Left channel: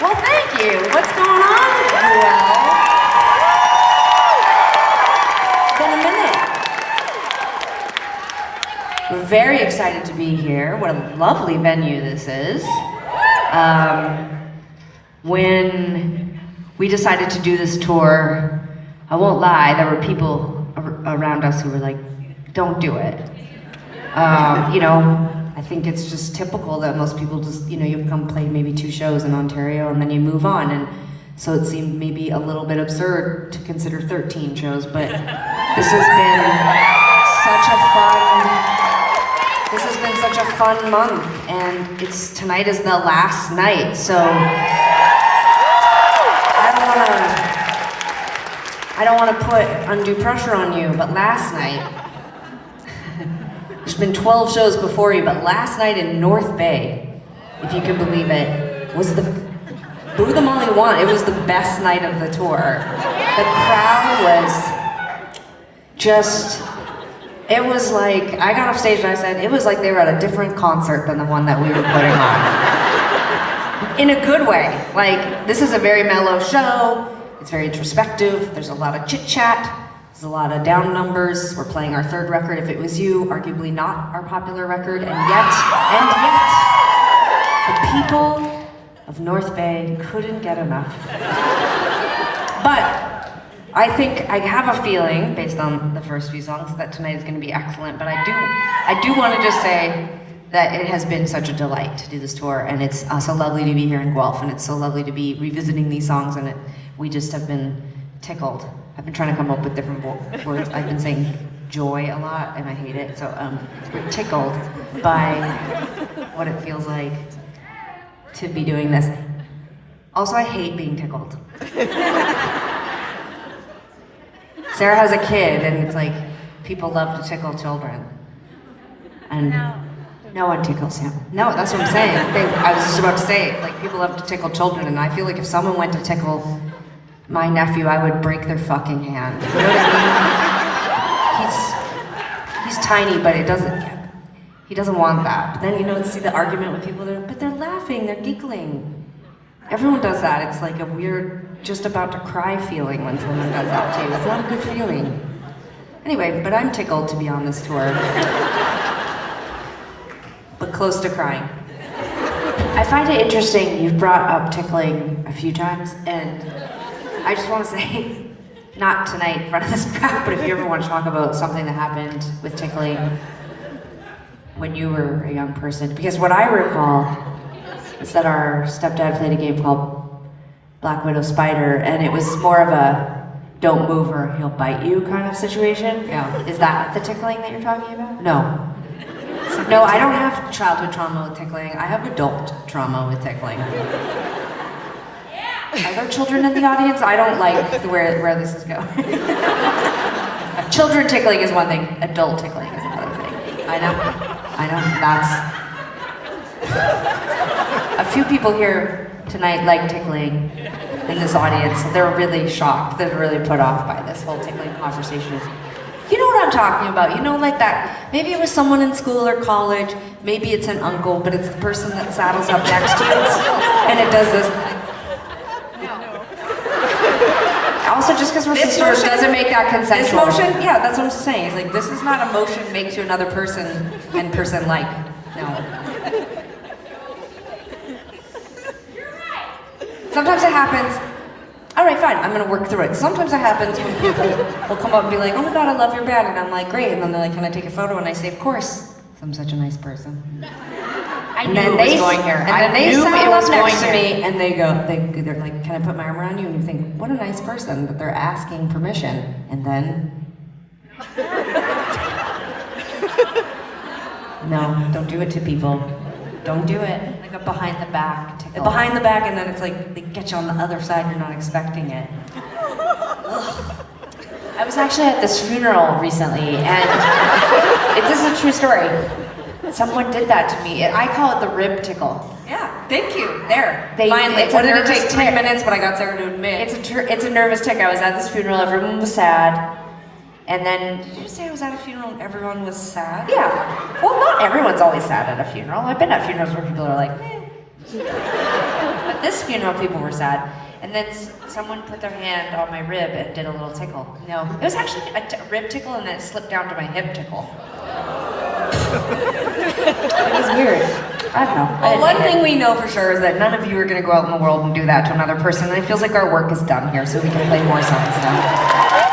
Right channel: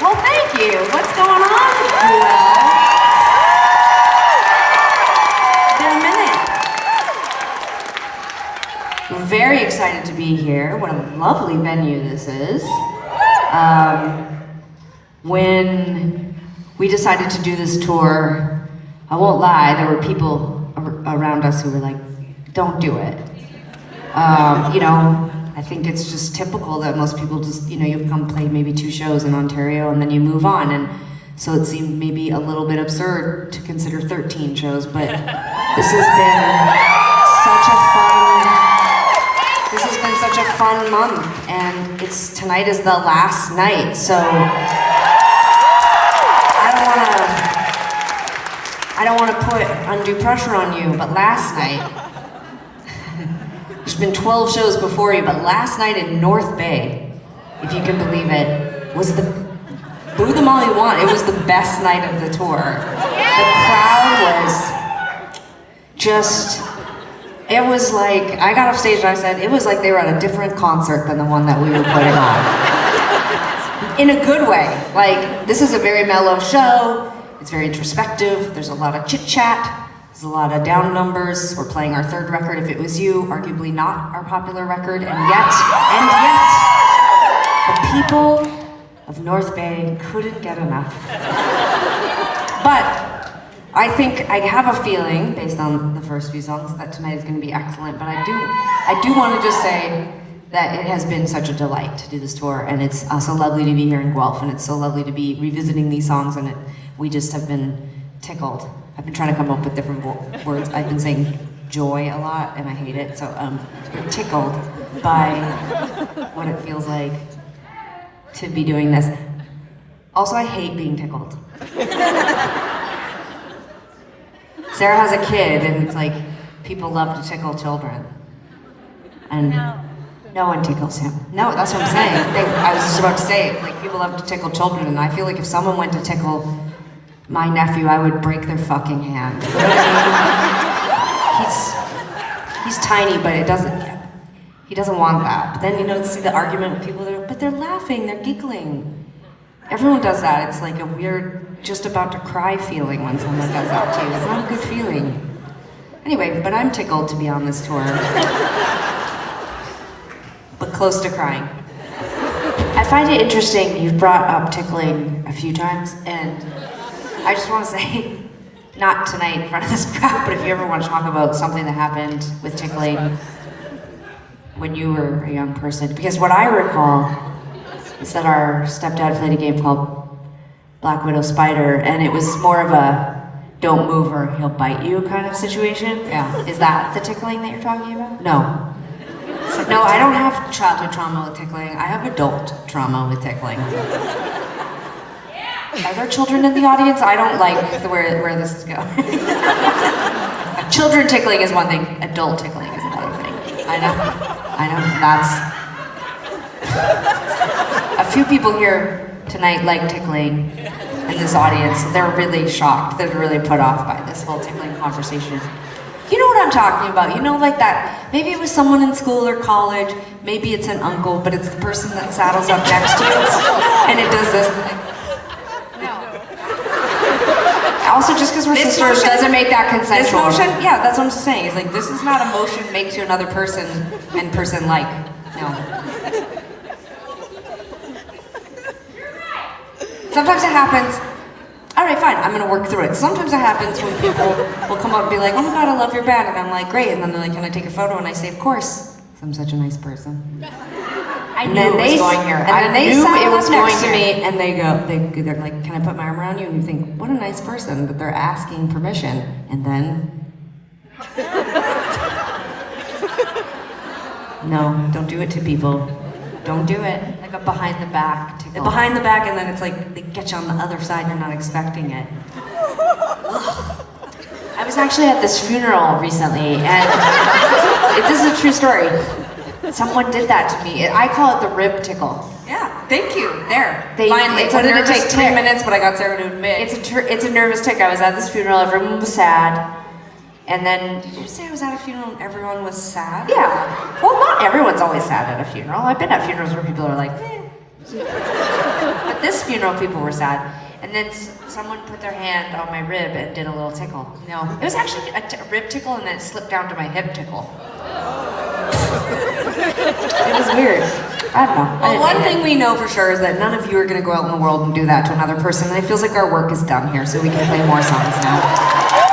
Well, thank you. What's going on, Guelph? It's been a minute. We're very excited to be here. What a lovely venue this is. When we decided to do this tour, I won't lie, there were people around us who were like, don't do it. I think it's just typical that most people just, you come play maybe 2 shows in Ontario and then you move on. And so it seemed maybe a little bit absurd to consider 13 shows, but this has been such a fun month, and tonight is the last night, so I don't want to put undue pressure on you, but last night, there's been 12 shows before you, but last night in North Bay, if you can believe it, was boo them all you want, it was the best night of the tour. The crowd was just, it was like, I got off stage and I said, it was like they were at a different concert than the one that we were putting on. In a good way. Like, this is a very mellow show, it's very introspective, there's a lot of chit-chat, there's a lot of down numbers. We're playing our 3rd record, If It Was You, arguably not our popular record, and yet, the people of North Bay couldn't get enough. But I think, I have a feeling, based on the first few songs, that tonight is going to be excellent, but I do want to just say that it has been such a delight to do this tour, and it's so lovely to be here in Guelph, and it's so lovely to be revisiting these songs, and we just have been tickled. I've been trying to come up with different words. I've been saying joy a lot, and I hate it, so we're tickled by what it feels like to be doing this. Also, I hate being tickled. Sarah has a kid, and it's like, people love to tickle children. And no one tickles him. No, that's what I'm saying. I was just about to say, like, people love to tickle children, and I feel like if someone went to tickle my nephew, I would break their fucking hand. You know what I mean? He's tiny, but he doesn't want that. But then, see the argument with people, but they're laughing, they're giggling. Everyone does that. It's like a weird, just about to cry feeling when someone does that to you. It's not a good feeling. Anyway, but I'm tickled to be on this tour. But close to crying. I find it interesting, you've brought up tickling a few times, and I just want to say, not tonight in front of this crowd, but if you ever want to talk about something that happened with tickling when you were a young person, because what I recall is that our stepdad played a game called Black Widow Spider, and it was more of a don't move or he'll bite you kind of situation. Yeah. Is that the tickling that you're talking about? No. No, I don't have childhood trauma with tickling. I have adult trauma with tickling. Are there children in the audience? I don't like where this is going. Children tickling is one thing, adult tickling is another thing. I know, that's... A few people here tonight like tickling in this audience. They're really shocked, they're really put off by this whole tickling conversation. You know what I'm talking about, like that, maybe it was someone in school or college, maybe it's an uncle, but it's the person that saddles up next to you, and it does this. Also, just because we're sisters doesn't make that consensual. This motion, yeah, that's what I'm saying. It's like, this is not a motion made to another person and person-like. No. Sometimes it happens. All right, fine, I'm gonna work through it. Sometimes it happens when people will come up and be like, oh my God, I love your band. And I'm like, great. And then they're like, can I take a photo? And I say, of course. I'm such a nice person. I knew it was going here. And then they saddle up next to me and they're like, can I put my arm around you? And you think, what a nice person, but they're asking permission. And then, no, don't do it to people. Don't do it. Like a behind the back tickle. Behind the back, and then it's like, they get you on the other side, you're not expecting it. I was actually at this funeral recently, and this is a true story. Someone did that to me. I call it the rib tickle. Yeah, thank you. There. Finally. What did it take 10 minutes, but I got Sarah to admit. It's a nervous tick. I was at this funeral, everyone was sad. And then, did you say I was at a funeral and everyone was sad? Yeah. Well, not everyone's always sad at a funeral. I've been at funerals where people are like, But this funeral, people were sad. And then someone put their hand on my rib and did a little tickle. No, it was actually a rib tickle and then it slipped down to my hip tickle. It was weird. I don't know. Well, one thing we know for sure is that none of you are going to go out in the world and do that to another person. And it feels like our work is done here, so we can play more songs now.